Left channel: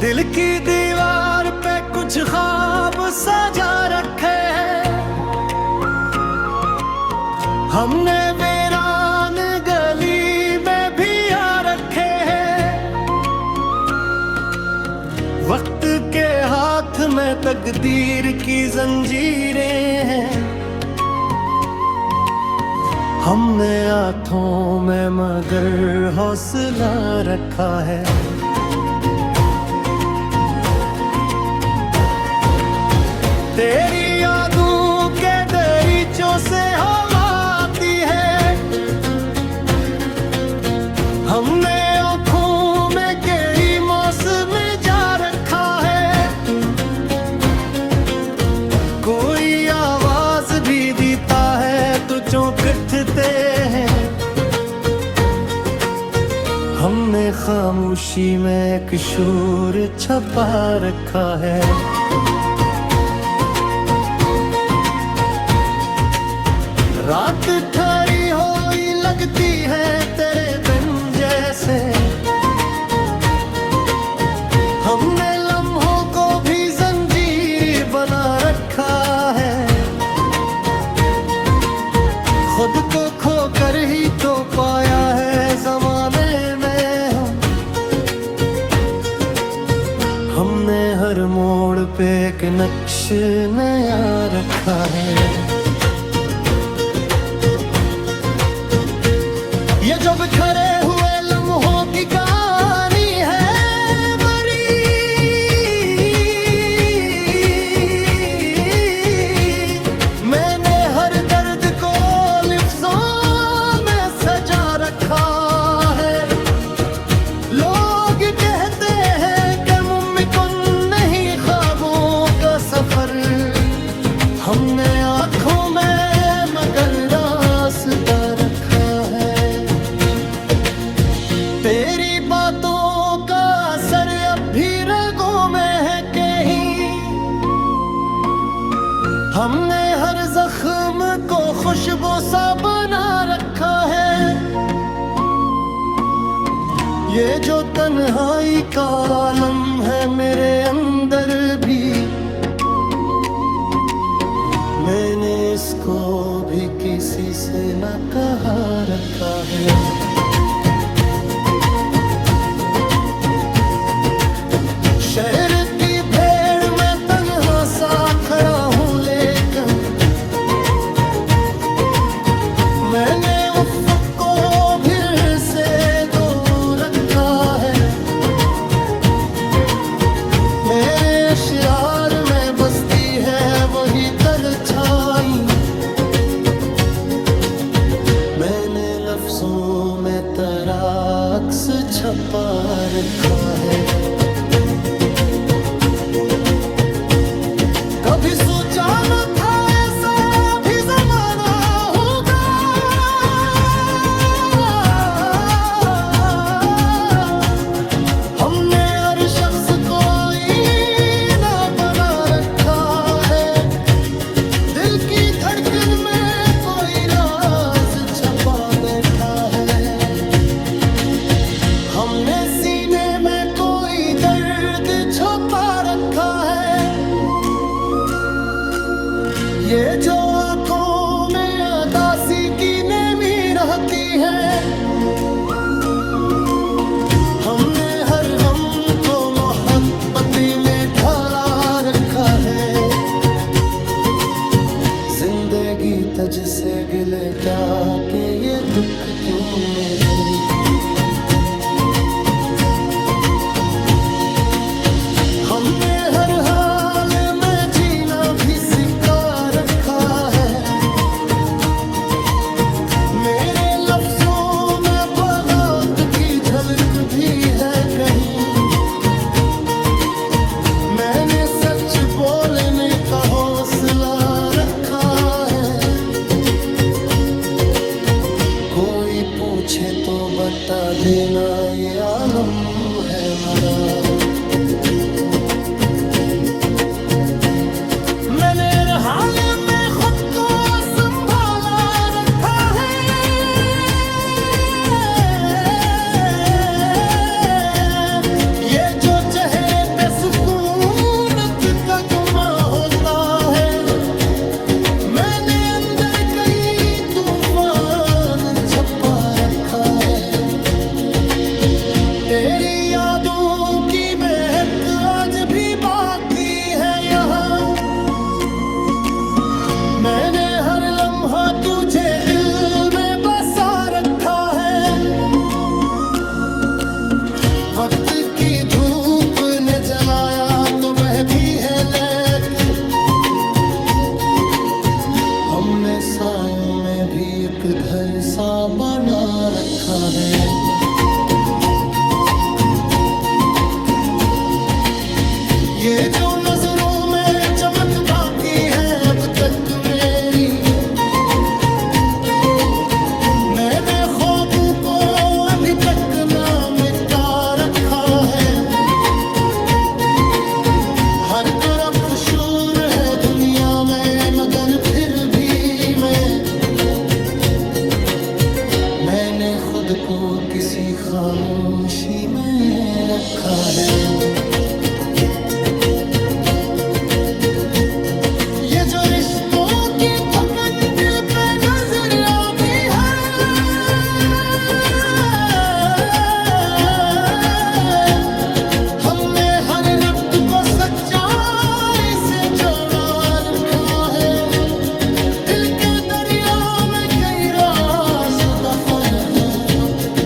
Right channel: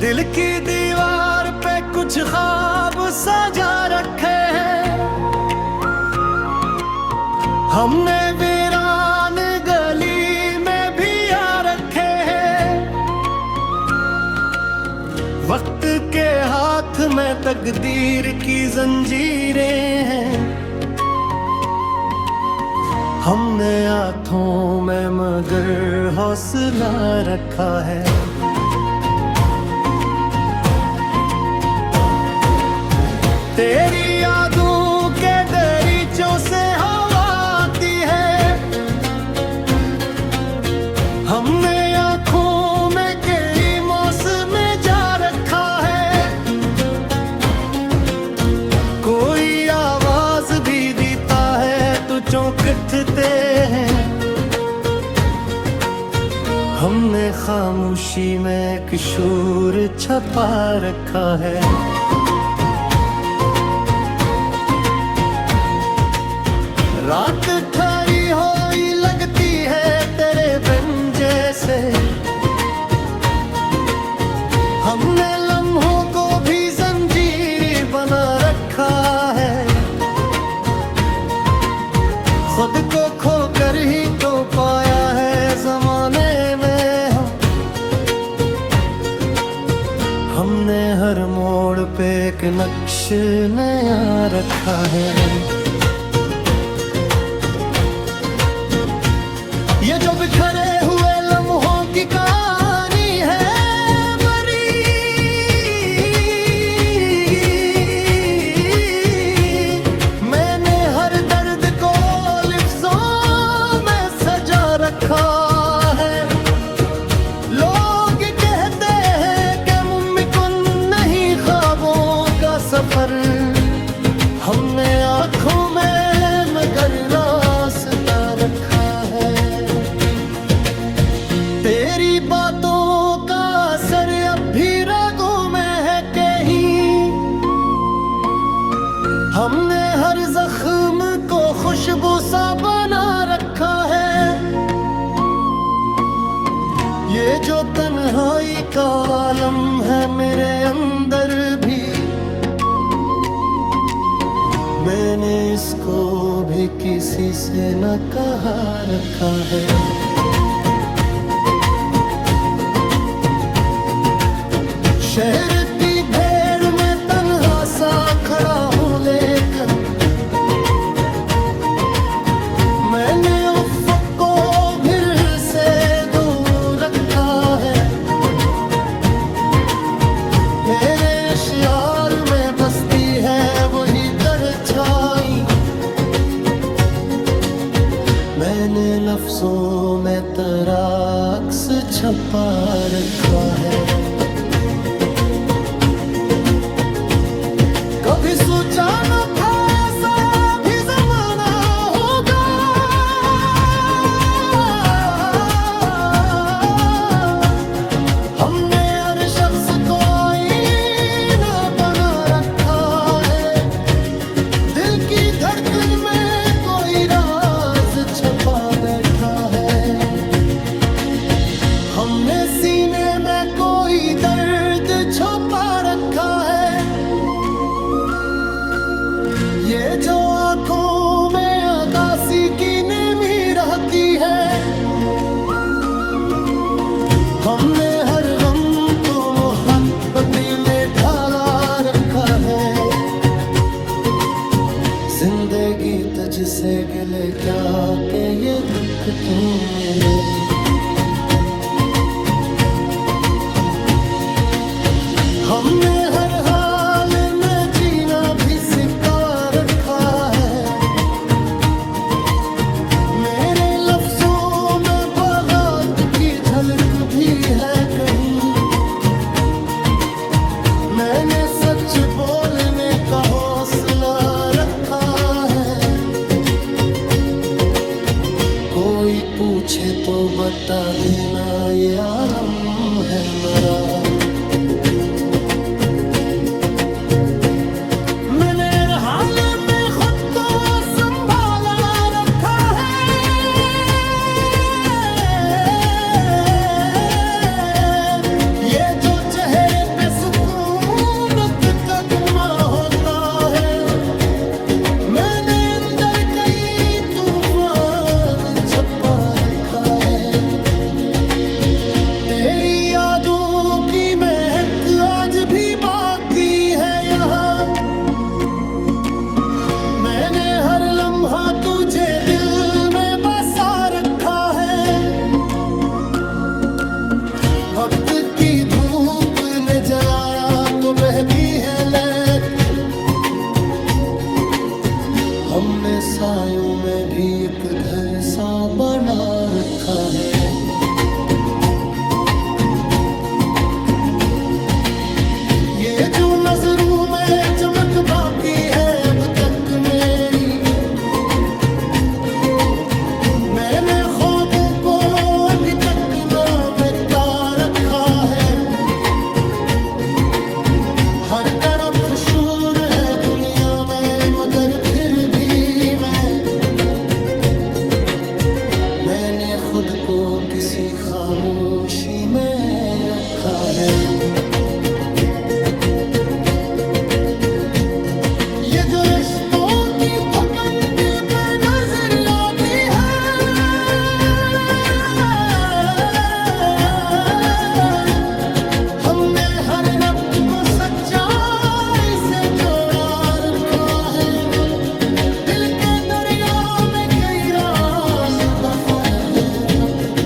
दिल की दीवार पे कुछ ख्वाब सजा रखे हैं हमने, वीरान गली में भी आ रखे हैं। वक्त के हाथ में तकदीर की जंजीरें हैं, हमने हाथों में मगर हौसला रखा है। तेरी यादों के दरीचों से हवा आती है, हमने आँखों में कई मौसम जा रखा है। कोई आवाज भी देता है तो चौंकते हैं, हमने खामोशी में एक शोर छपा रखा है। रात ठहरी हुई लगती है तेरे बिन जैसे, हमने लम्हों को भी जंजीर बना रखा है। खुद को खोकर ही तो पाया है जमाने में हमने हर मोड़ पे एक नक्श नया रखा है। ये जो बिखरे हुए लम्हों की कहानी है बड़ी, मैंने हर दर्द को लिफ्ज़ों में सजा रखा है। लोग कहते हैं कि मुमकिन नहीं ख्वाबों का सफर, हमने आँखों में मगर रास्ता रखा है। तेरी बातों का असर अब भी रगों में है कहीं, हमने हर जख्म को खुशबू सा बना रखा है। ये जो तन्हाई का आलम है मेरे अंदर भी, मैंने इसको भी किसी से न कहा रखा है। शहर की भीड़ में तन्हा सा खड़ा हूँ, लेकिन मैंने उफ़्क़ को फिर से दूर रखा है। मेरे अशआर में बसती है वही परछाई, मैंने लफ्ज़ों में तेरा अक्स छपा रखा है। कभी सोचा न था ऐसा भी ज़माना होगा, हमने हर शख्स को आईना बना रखा है। दिल की धड़कन में कोई राज छपा बैठा है, हमने सीने में कोई दर्द छुपा रखा है। ये जो आंखों में उदासी की नेमी रहती है, हमने हर गम को मोहब्बती में ढाला रखा है। जिंदगी तुझसे गिले क्या के ये दुख क्यों मिले, हमने हर हाल में जीना भी सिखा रखा है। मेरे लफ्ज़ों में बगावत की झलक भी है कहीं, मैंने सच बोलने का हौसला रखा है। कोई पूछे तो बता देना ये आलम है मरा, मैंने हर हाल में खुद को संभाला रखा है। ये जो चेहरे सुकूनत का गुमा होता है। मैंने अंदर कई तूफान छपा रखा है। तेरी यादों की महक आज भी बाकी है यहाँ। मैंने हर लम्हा तुझे दिल में बसा रखा है। वक्त की धूप ने जलाया तो बहती है लेकिन हमने सायों में भी एक घर सा बना रखा है। ये जो नजरों में चमक बाकी है अब तक मेरी, मैंने ख्वाबों को अभी तक ना मिटा रखा है। हर तरफ शोर है दुनिया में मगर फिर भी मैंने खुद को किसी खामोशी में रखा है। ये जो रिश्तों की थकन दिल पे नजर आती है, हमने हर रब्त को सच्चाई से जोड़ा रखा है। दिल के दरिया में कई राज दफन है अब तक।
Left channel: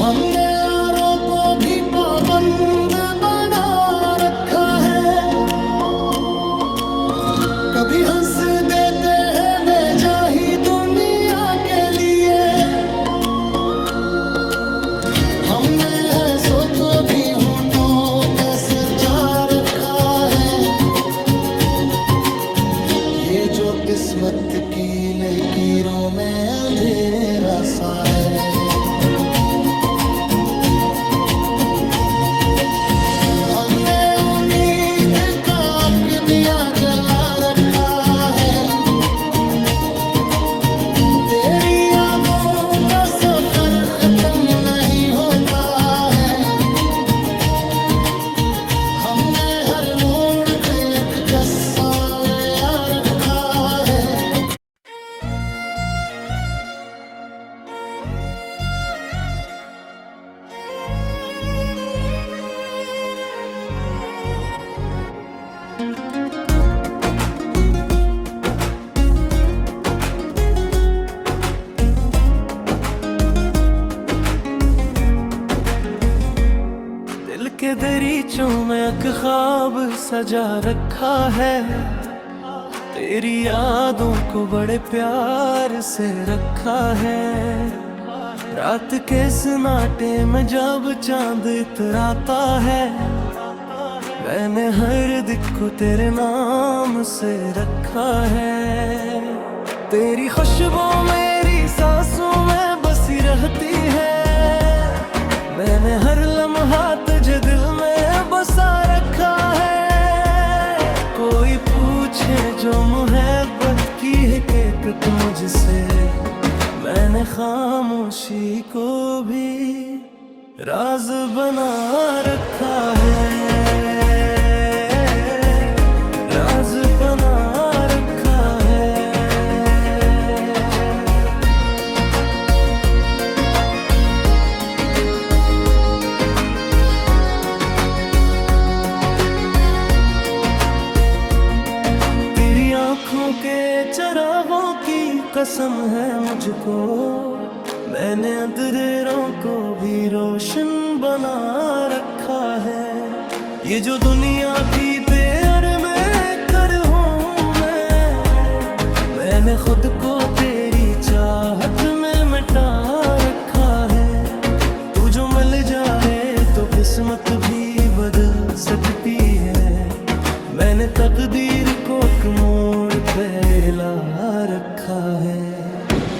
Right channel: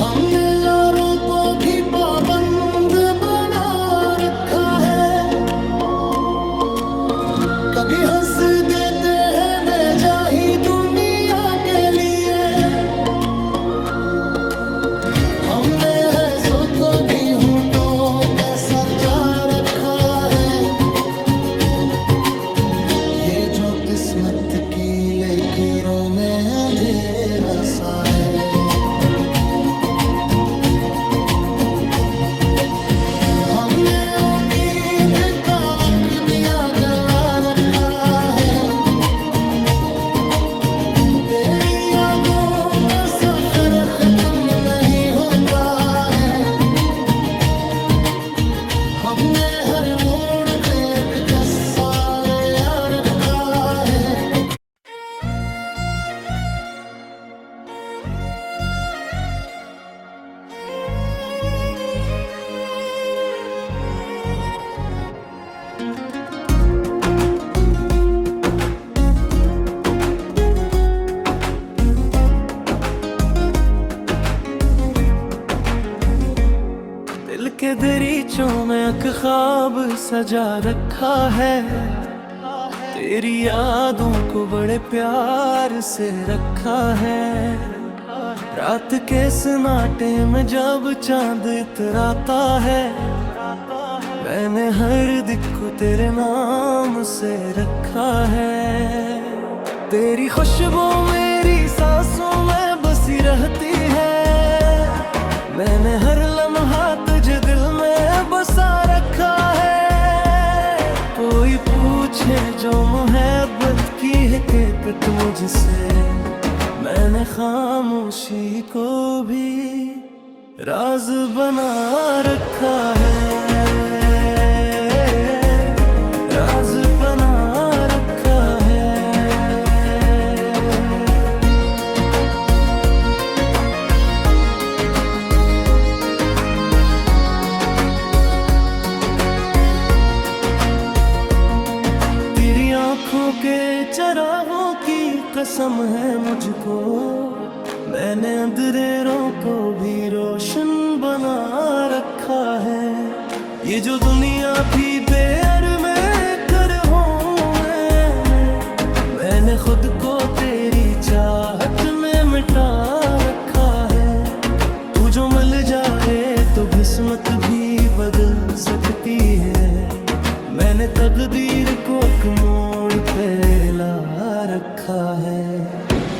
हमने यारों को भी पाबंद बना रखा है। कभी हंस देते हैं बेजाही दुनिया के लिए, हमने ऐसों को भी होठों पे सजा रखा है। ये जो किस्मत की लकीरों में अंधेरा सा है। हमने उम्मीद का आग दिया जला रखा है। तेरी यादों का सफर खत्म नहीं होता है। हमने हर मोड़ पे एक 10 साल आ रखा है। दिल के दरीचों में एक ख्वाब सजा रखा है। तेरी यादों को बड़े प्यार से रखा है। रात के सन्नाटे में जब चांद इतराता है, मैंने हर दिल को तेरे नाम से रखा है। तेरी खुशबू मेरी सांसों में बसी रहती है। मैंने हर लम्हा तुझे दिल में बसा रखा है। कोई पूछे जो मोहब्बत की हकीकत मुझसे, मैंने खामोशी को भी राज बना रखा है। राज बना रखा है। तेरी आँखों के चरागों की कसम है मुझको, मैंने अंधेरों को भी रोशन बना रखा है। ये जो दुनिया थी बेअर में कर हूँ मैंने खुद को तेरी चाहत में मिटा रखा है। तू जो मिल जाए तो किस्मत भी बदल सकती है। मैंने तकदीर को एक मोड़ पे हिला रखा है।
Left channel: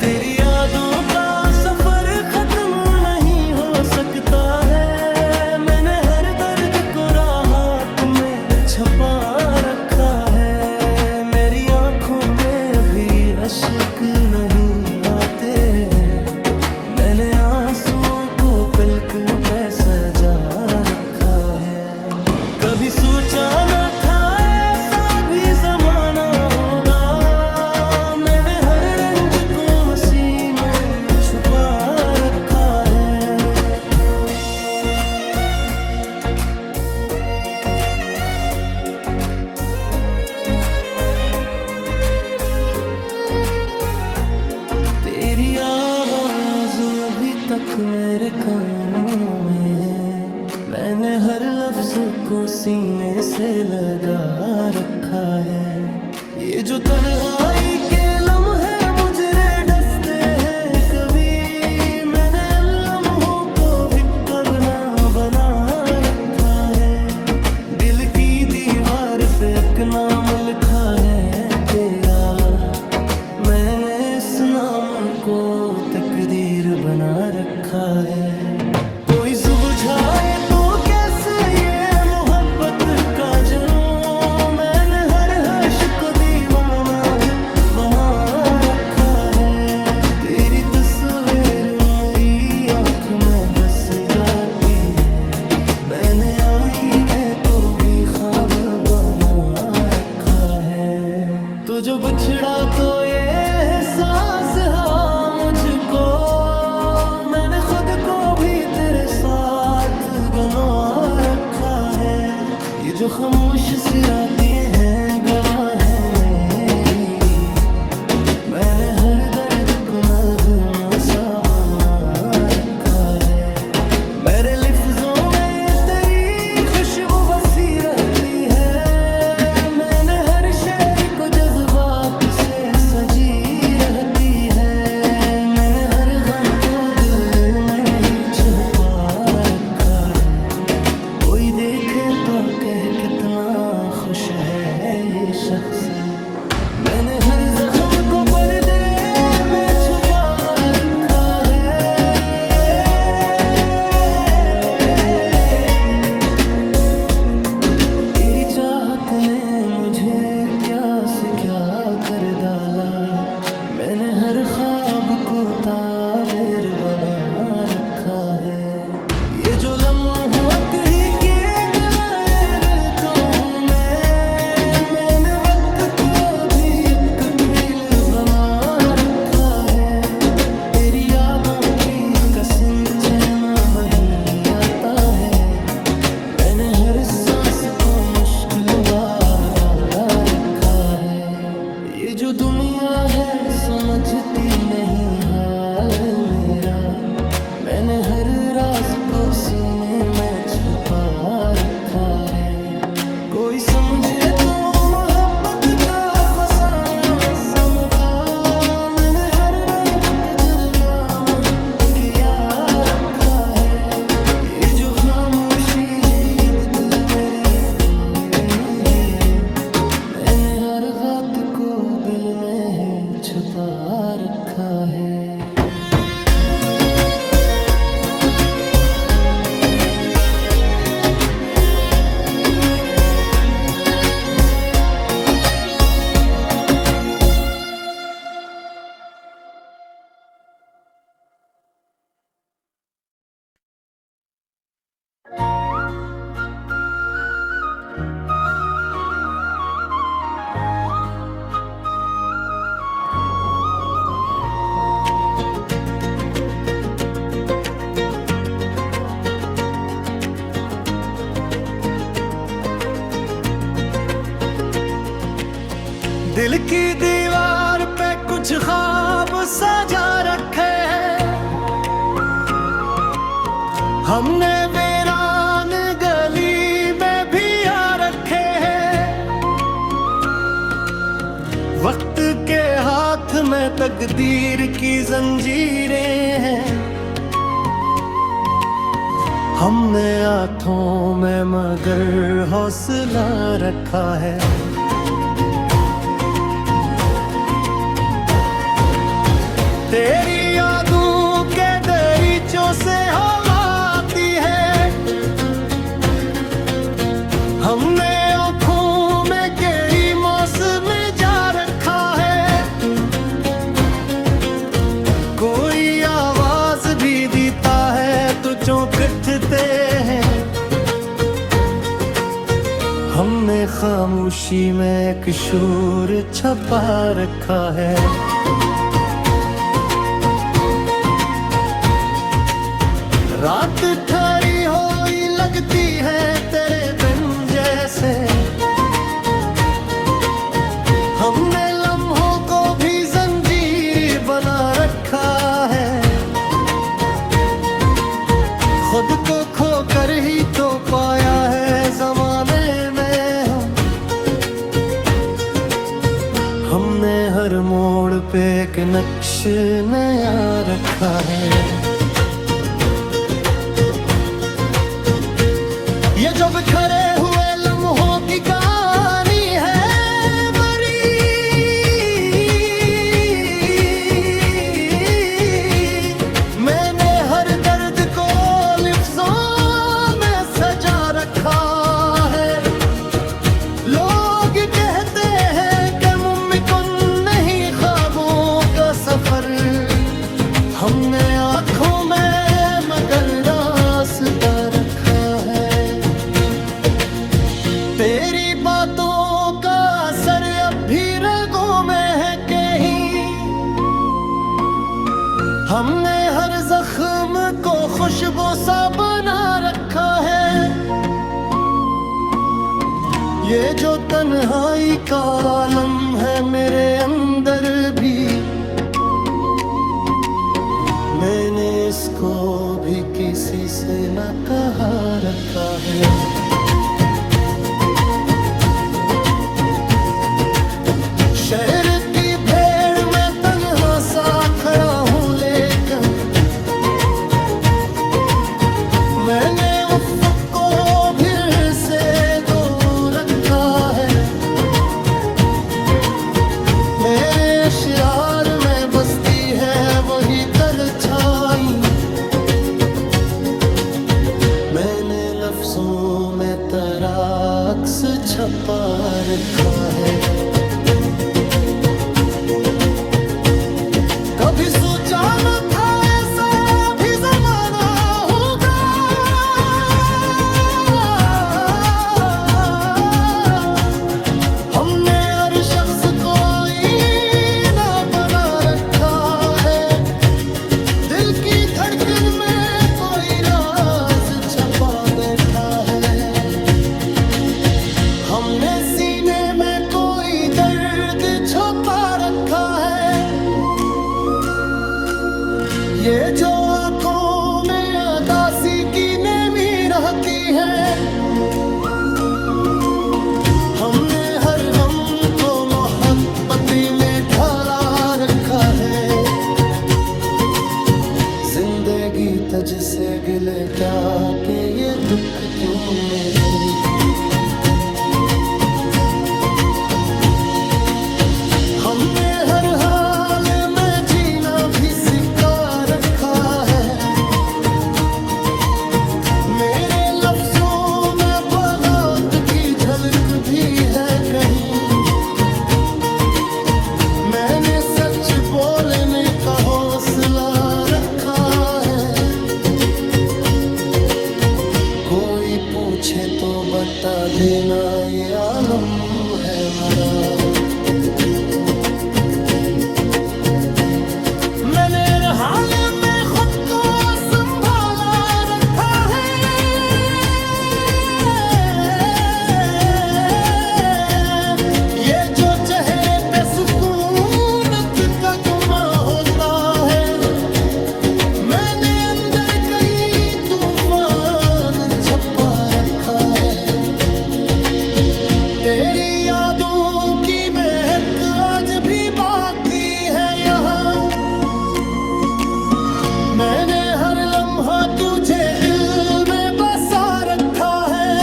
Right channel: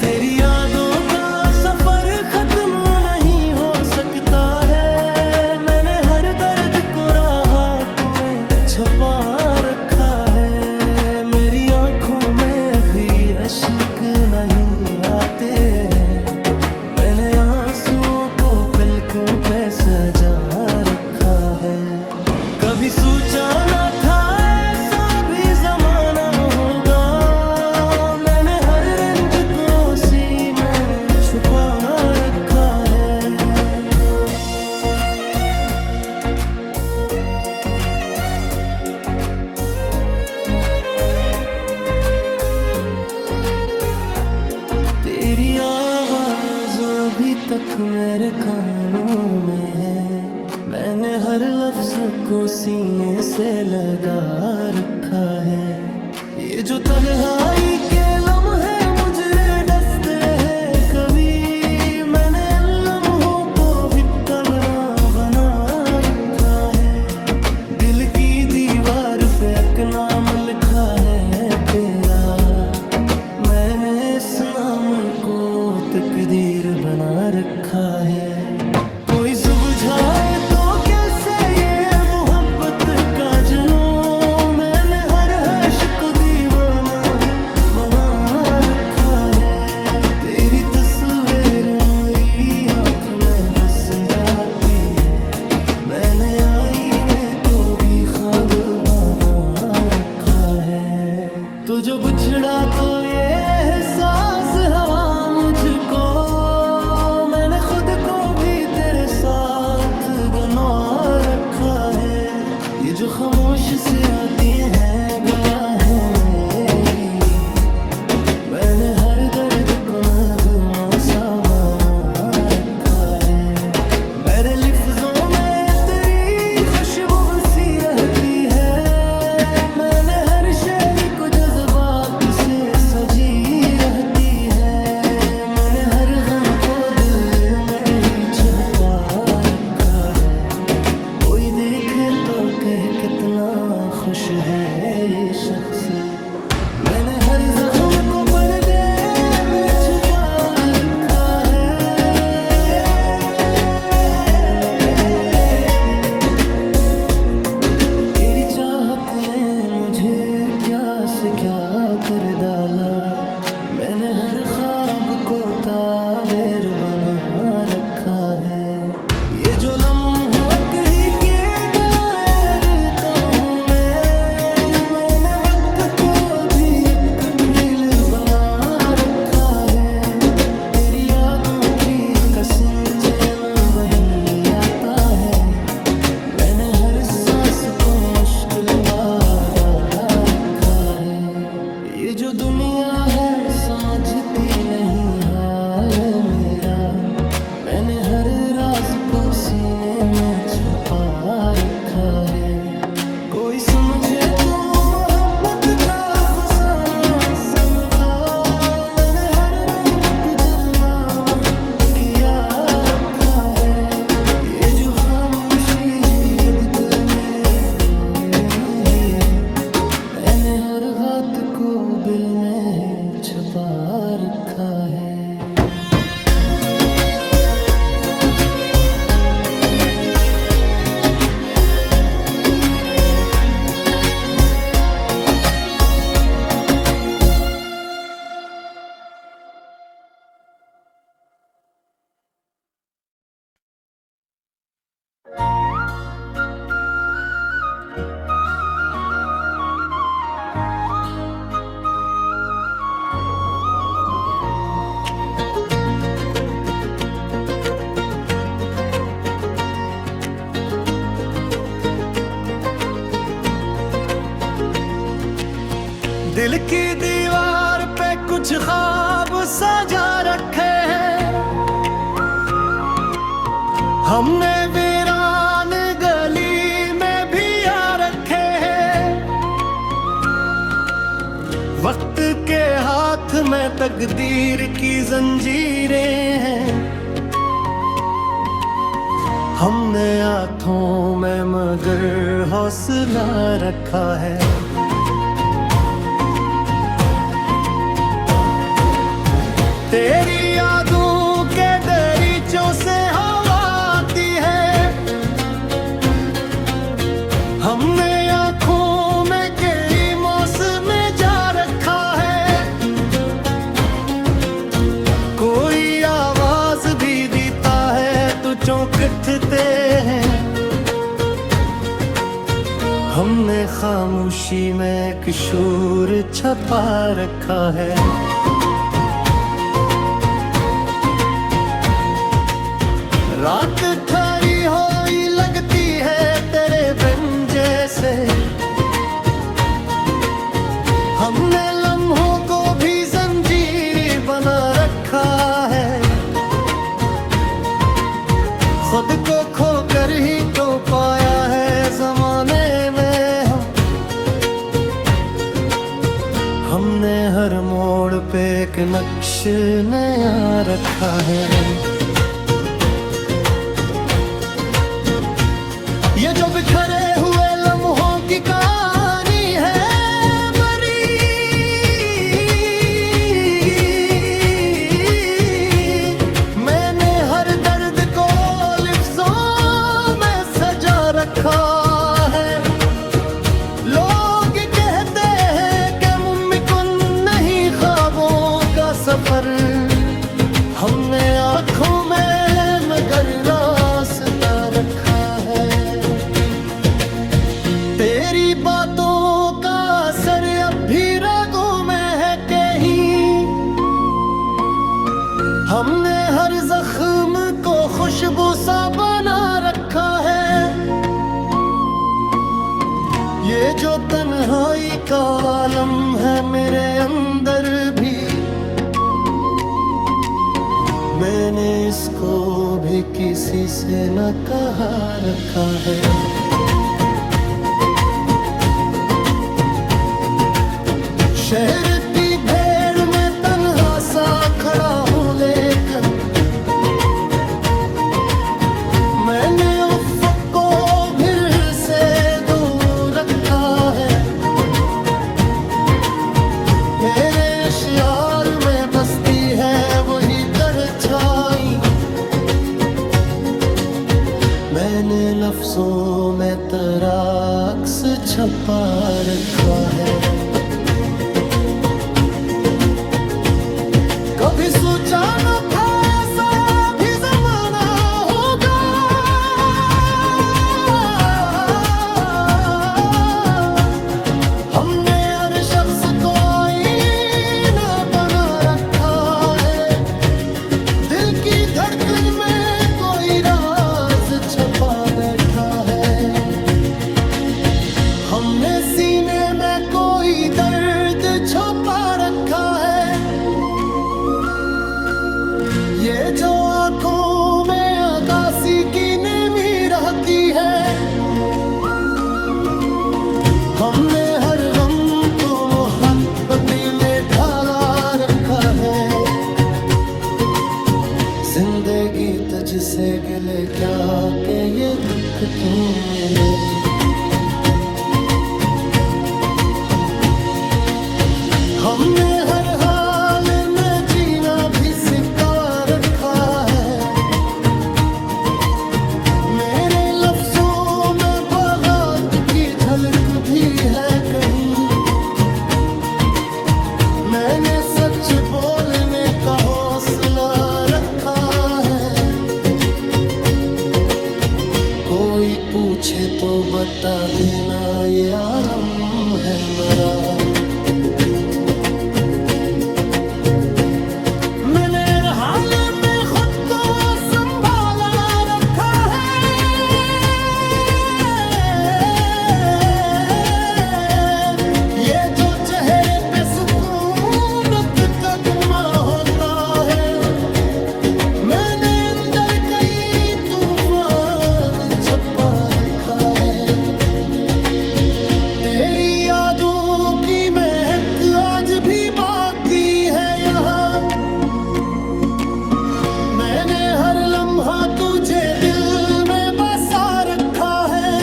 तेरी यादों का सफर खत्म नहीं हो सकता है। मैंने हर दर्द को राहत में छुपा रखा है। मेरी आंखों में भी अश्क नहीं आते हैं। मैंने आंसुओं को पलकों पे सजा रखा रखा है। कभी सोचा न था ऐसा भी जमाना होगा, मैंने हर रंज को सीने छुपा रखा है। तेरी आवाज अभी तक मेरे कानों में है, मैंने हर लफ्ज को सीने से लगा रखा है। ये जो तन्हाई के लम्हे मुझे डसते हैं कभी, मैंने लम्हों को भी कब ना बना रखा है। दिल की दीवार पे एक नाम लिखा है तेरा, मैंने इस नाम को तकदीर बना रखा है। कोई सुलझाए तो कैसे ये मोहब्बत का जुनून, मैंने हर हर्ष को दीवाना बना रखा है। तेरी तस्वीर मेरी आँख में बस जाती है, मैंने आईने को भी ख्वाब बना रखा है। तो जो बिछड़ा तो ये एहसास हुआ मुझको, मैंने खुद को भी तेरे साथ गंवा रखा है। ये जो खामोश सी रातें हैं गवाह है मेरी, मैंने हर दर्द को नगमा सा बना रखा है। मेरे लफ्जों में तेरी खुशबू बसी रहती है, मैंने हर शेर को जज्बात से सजी रहती है। मैंने हर गम को दिल में ही छुपा रखा है, कोई देखे तो कह कितना खुश है ये शख्स। मैंने हर जख्म को पर्दे में छुपा रखा है। तेरी चाहत ने मुझे क्या से क्या कर डाला, मैंने हर ख्वाब को ताबीर बना रखा है। ये जो लम्हों ही के गलायर तो हूँ मैंने वक्त को भी एक खेल बना रखा है। तेरी यादों की कसिन न वही आता है, मैंने हर सांस को मुश्किल बाधा रखा है। ये जो दुनिया है समझती नहीं हाल मेरा, मैंने हर राज को सीने में छुपा रखा है। कोई समझे तो मोहब्बत का फसाना समझा, मैंने हर राबत जरमाम किया रखा है। ये जो खामोशी है अब तो मेरे मैंने हर बात को दिल में है छुपा रखा है। दिल की दीवार पे कुछ ख्वाब सजा रखे हैं, हमने वीरान गली में भी आ रखे हैं। वक्त के हाथ में तकदीर की जंजीरें हैं, हमने आँखों में मगर हौसला रखा है। तेरी यादों के दरीचों से हवा आती है, हमने आँखों में कई मौसम जा रखा है। कोई आवाज भी देता है तो चौंकते हैं, हमने खामोशी में एक शूर छपा रखा है। रात थारी होई लगती है तेरे बिन जैसे, हमने लम्हों को भी जंजीर बना रखा है। खुद को खोकर ही तो पाया है जमाने में हमने हर मोड़ पे एक नक्श नया रखा है। ये जो बिखरे हुए लम्हों की कहानी है मरी, मैंने हर दर्द को लिफ्ज़ों में सजा रखा है। लोग कहते हैं कि मुमकिन नहीं ख्वाबों का सफर, हमने आँखों में मगर रास्ता रखा है। तेरी बातों का असर अब भी रगों में है कहीं, हमने हर जख्म को खुशबू सा बना रखा है। ये जो तन्हाई का आलम है मेरे अंदर भी, मैंने इसको भी किसी से न कहा रखा है। शहर की भीड़ में तन्हा सा खड़ा हूँ, लेकिन मैंने उफ़्क़ को फिर से दूर रखा है। मेरे अशियार में बसती है वही परछाई, मैंने लफ्ज़ों में तेरा अक्स छपा रखा है। कभी सोचा न था ऐसा भी ज़माना होगा, हमने हर शख्स को आईना बना रखा है। दिल की धड़कन में कोई राज छपा बैठा है, हमने सीने में कोई दर्द छुपा रखा है। ये जो आंखों में अदासी की नेमी रहती है, हमने हर गम को मोहब्बती में ढाला रखा है। जिंदगी तुझसे गिले क्या के ये दुख क्यों मिले, हमने हर हाल में जीना भी सिखा रखा है। मेरे लफ्ज़ों में बगावत की झलक भी है कहीं, मैंने सच बोलने का हौसला रखा है। कोई पूछे तो बता देना ये आलम है मरा, मैंने हर हाल में खुद को संभाला रखा है। ये जो चेहरे पे सुकूनत का गुमा होता है, मैंने अंदर कई तूफान छपा रखा है। तेरी यादों की महक आज भी बाकी है यहाँ, मैंने हर लम्हा तुझे दिल में बसा रखा है।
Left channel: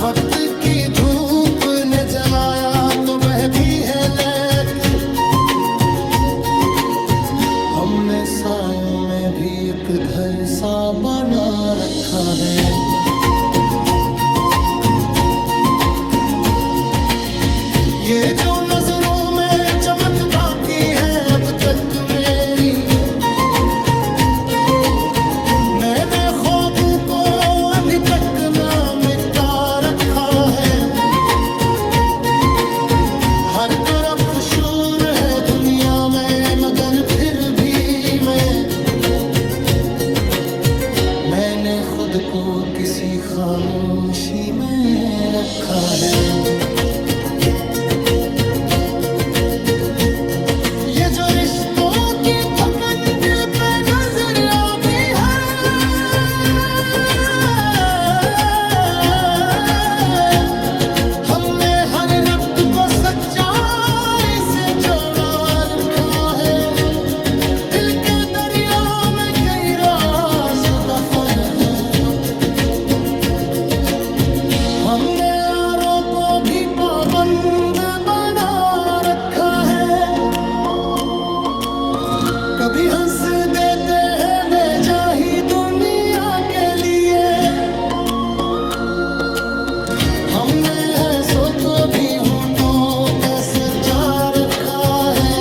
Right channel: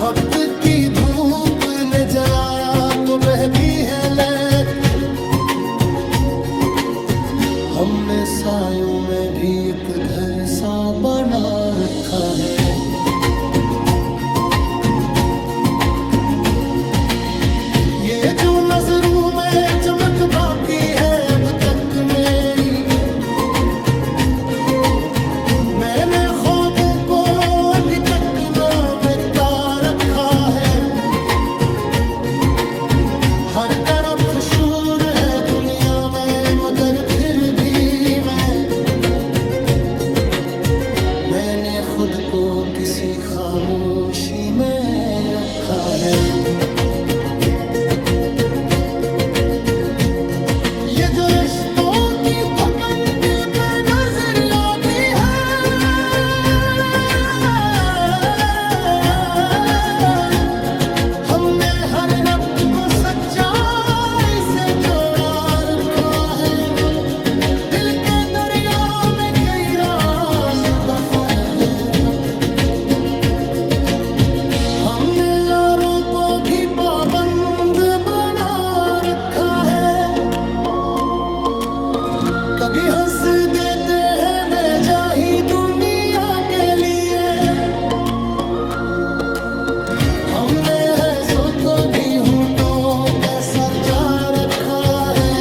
वक्त की धूप ने जलाया तो बहती है, लेकिन हमने सायों में भी एक घर सा बना रखा है। ये जो नजरों में चमक बाकी है अब तक मेरी, मैंने ख्वाबों को अब अभी तक ना मिटा रखा है। हर तरफ शोर है दुनिया में, मगर फिर भी मैंने खुद को किसी खामोशी में रखा है। ये जो रिश्तों की थकन दिल पे नजर आती है, हमने हर रब्त को सच्चाई से जोड़ा रखा है। दिल के दरिया में कई राज दफन है अब तक। हमने यारों को भी पाबंद बना रखा है। कभी हंस देते हैं बेजाही दुनिया के लिए, हमने है सो को भी होठों पे सजा रखा है।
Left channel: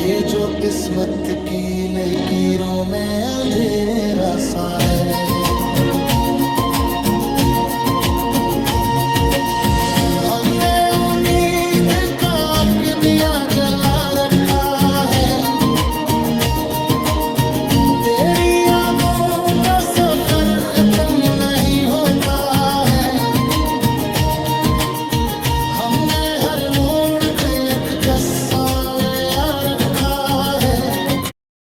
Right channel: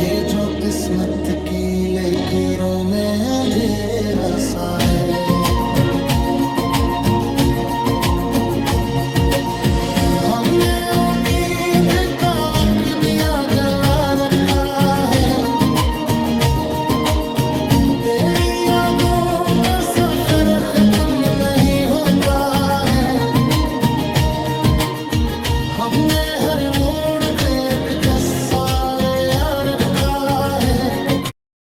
ये जो किस्मत की लकीरों में अंधेरा सा है। हमने उम्मीद का दिया जला रखा है। तेरी यादों का सफर खत्म नहीं होता है। हमने हर मोड़ पे एक 10 साल